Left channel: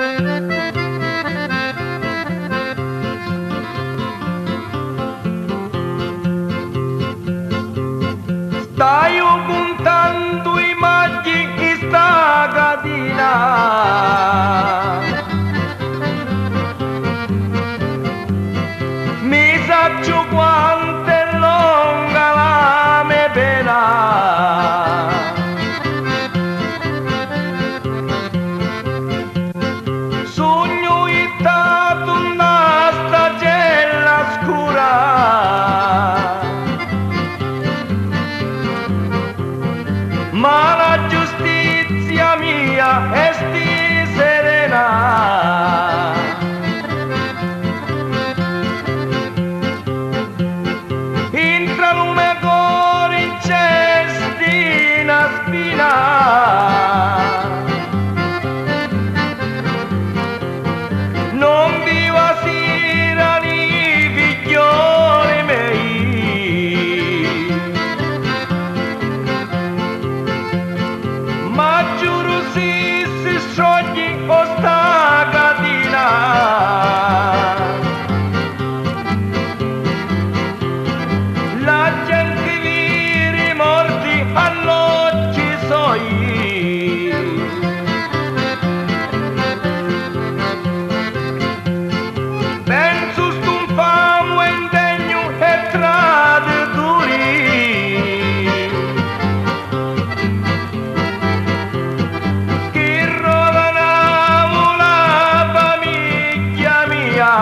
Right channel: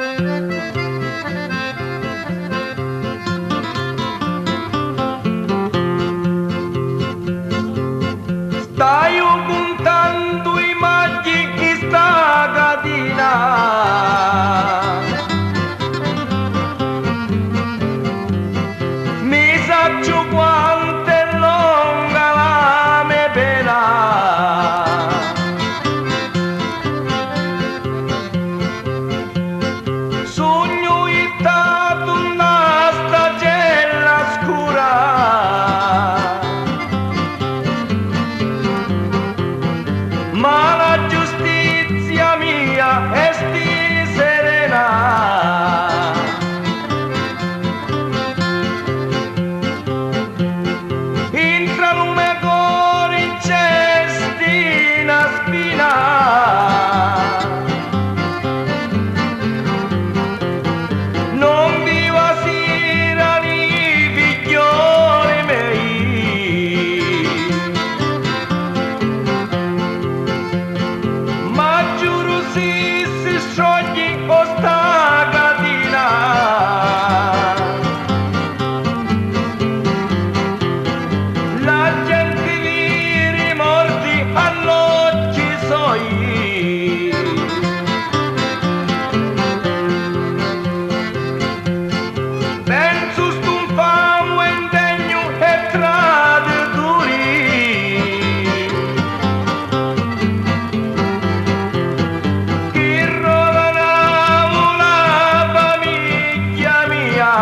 Stai puntando i maggi in sta catena, mi saggio quanto è lunga la mia pena. Sogno ittato una stagella scura, ma la giustizia mia è sti serena. Entra lume cuore in cestina spina, non viva sera ni figlioli miei, ma giuro si scioglie o sta catena. La gente li rimordi all'occhi suoi, penso st'un famo indegno e traditori, che rovinavo la famiglia mia.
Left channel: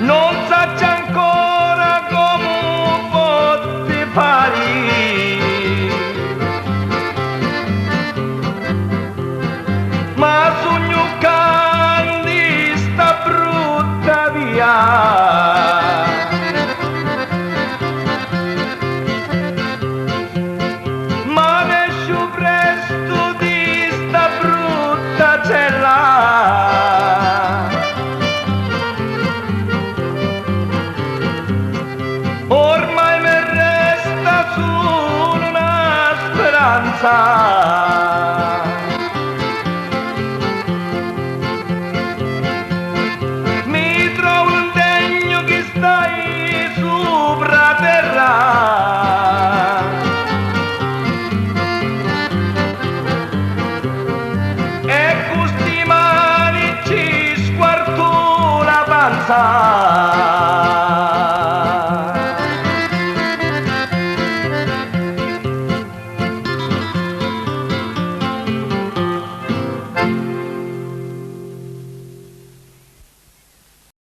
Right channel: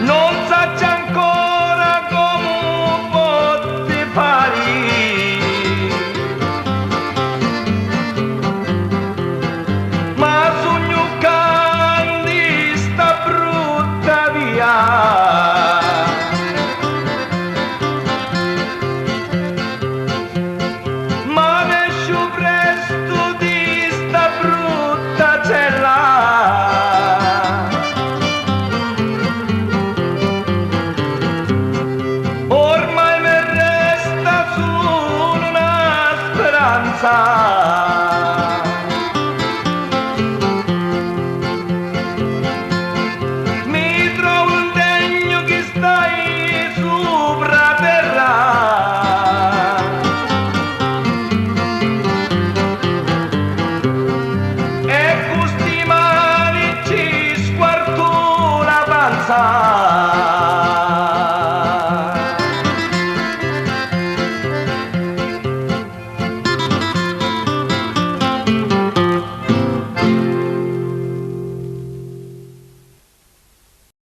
Non saggio ancora come potti fare, ma sogno candy sta brutta via. Ma ne esco presto di sta brutta cella. Ormai mi resta solo una speranza,